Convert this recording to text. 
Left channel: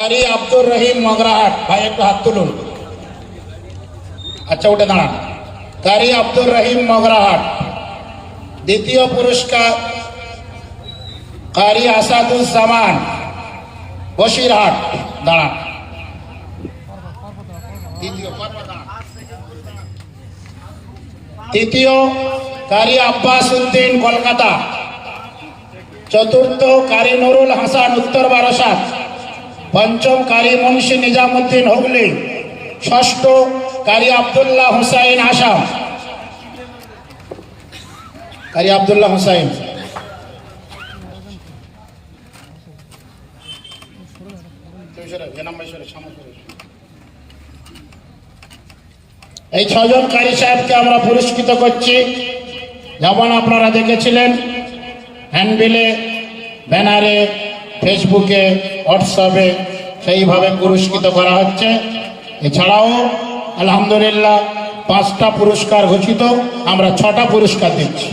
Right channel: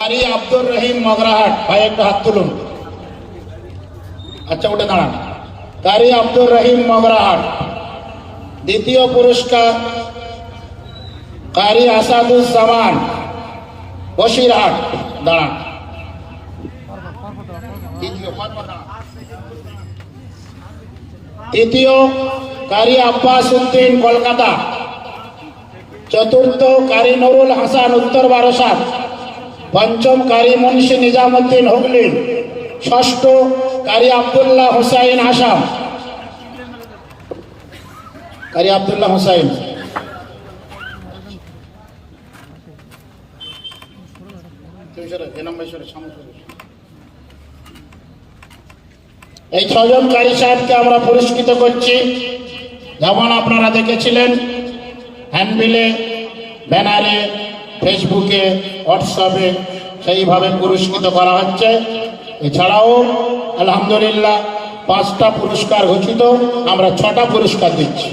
কারি আব্দুর রহিম মগরাহাট, ভাই একটু হাত তুলুন। আচ্ছা উঠে দাঁড়ান। কারি আব্দুর রহিম মগরাহাট। দ্বিতীয় পুরস্কার কারি আসাদুজ্জামান বসিরহাট। দাঁড়ান। তৃতীয়। কারি আব্বাস উদ্দিন, কলকাতা। চতুর্থ কারি নুরুল হাসান, উত্তর বারাসাত। পঞ্চম কারি মুন্সি নিজামুদ্দিন হুগলি, ষষ্ঠ কারি আবদুল্লাহ হুসাইন আসাম। কারি আবদুল্লাহ হুসাইন। এই ছজন কারি সাহেবকে আমরা পুরস্কৃত করছি। যেমন আপনারা দেখেছিলেন, হ্যান্ডবিলে, ব্যানারে ফেসবুকে, হোয়াটসঅ্যাপে সেইভাবে পুরস্কৃত করা হচ্ছে। এছাড়াও, আলহামদুলিল্লাহ, পাঁচটা পুরস্কার ঘোষিত, আমরা ছটা পুরস্কার দিচ্ছি।